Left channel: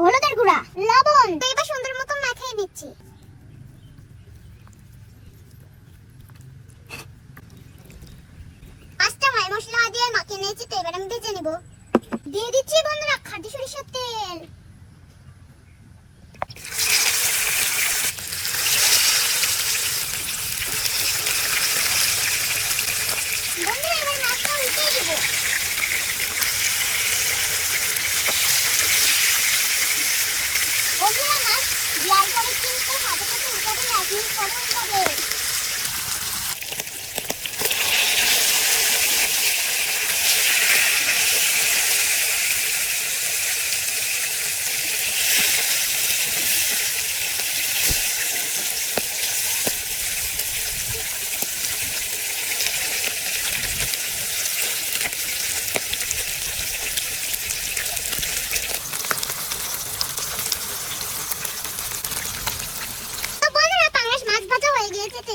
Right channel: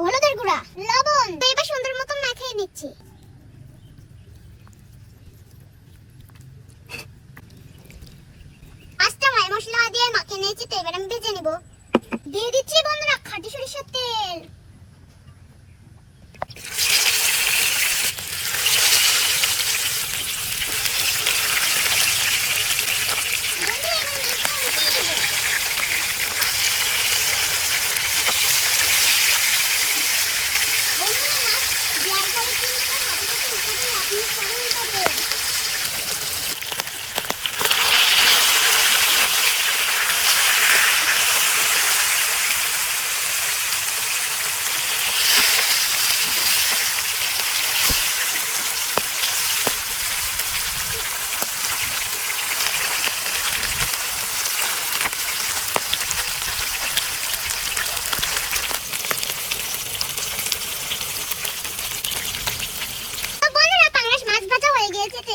হলুদের গুঁড়া, লবণ, তো এবার সুন্দর মতো মাখিয়ে নিচ্ছি। পাঁচটা মাই মশলা দিয়ে মাখিয়ে নিয়েছি, তো এবার আমি ভেজে নেব। দিয়ে দিচ্ছি বন্ধুরা খাঁটি সরিষার তেল।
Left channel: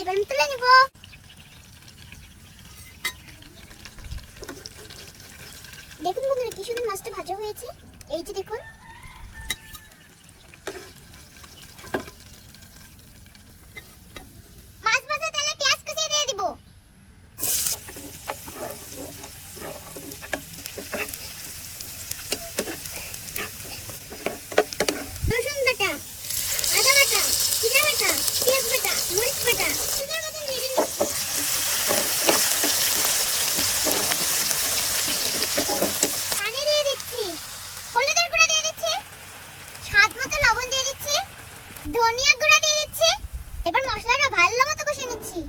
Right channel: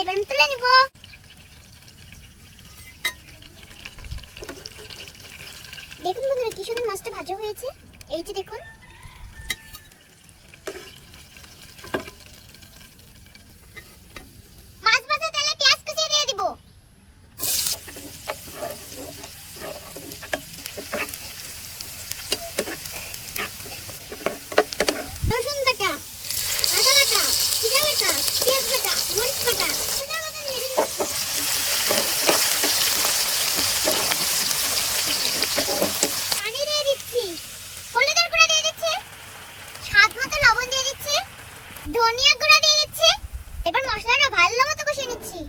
এবার আমি তুলে নিব। দেখুন বন্ধুরা কি সুন্দর মাছটা ভাজা হয়েছে। এই যে দেখুন, মাছ ভাজা তেলে পেঁয়াজ কুচিয়ে দিয়ে দিব। রসুন বাটা, আদা বাটা, জিরা বাটা, পেঁয়াজ বাটা, মরিচ বাটা ধনিয়া গুঁড়া দিয়ে দিচ্ছি। এবার মশলাটা ভালো মতো কষিয়ে নিচ্ছি।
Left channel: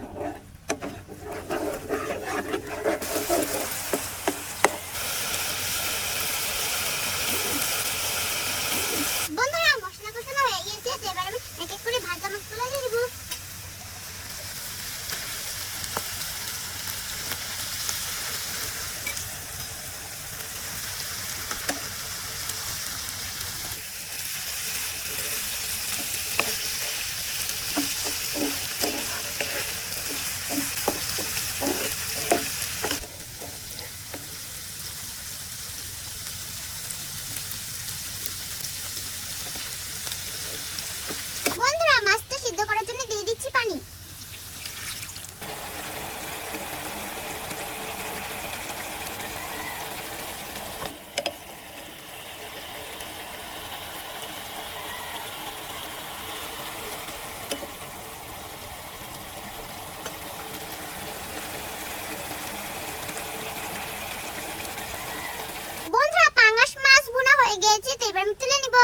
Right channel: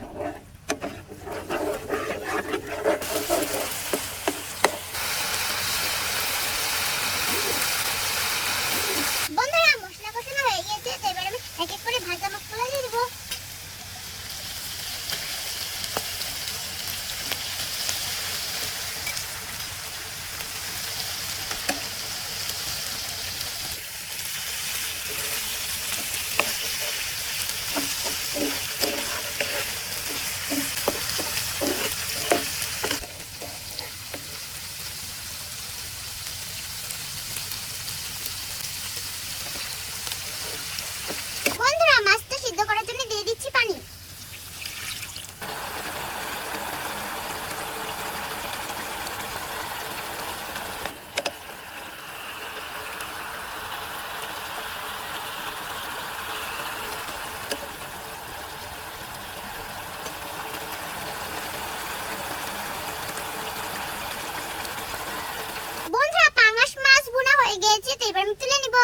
বন্ধুরা মশলা কষানো হয়ে গিয়েছে, এবার আমি এক এক করে ভাজা মশলা দিয়ে দিব। মাছটা সিদ্ধ করার জন্য দিয়ে দিচ্ছি পানি। বন্ধুরা পাঙ্গাস মাছ ভুনা হয়ে গেছে, তো এবার আমি তুলে নিব।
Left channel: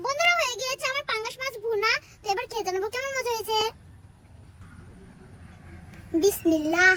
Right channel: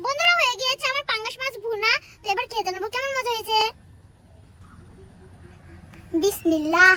বন্ধুরা হয়ে গিয়েছে আমার পাঙ্গাস মাছ ভুনা, তো এবার খেয়ে নেব কেমন মজা হয়েছে। বিসমিল্লাহ।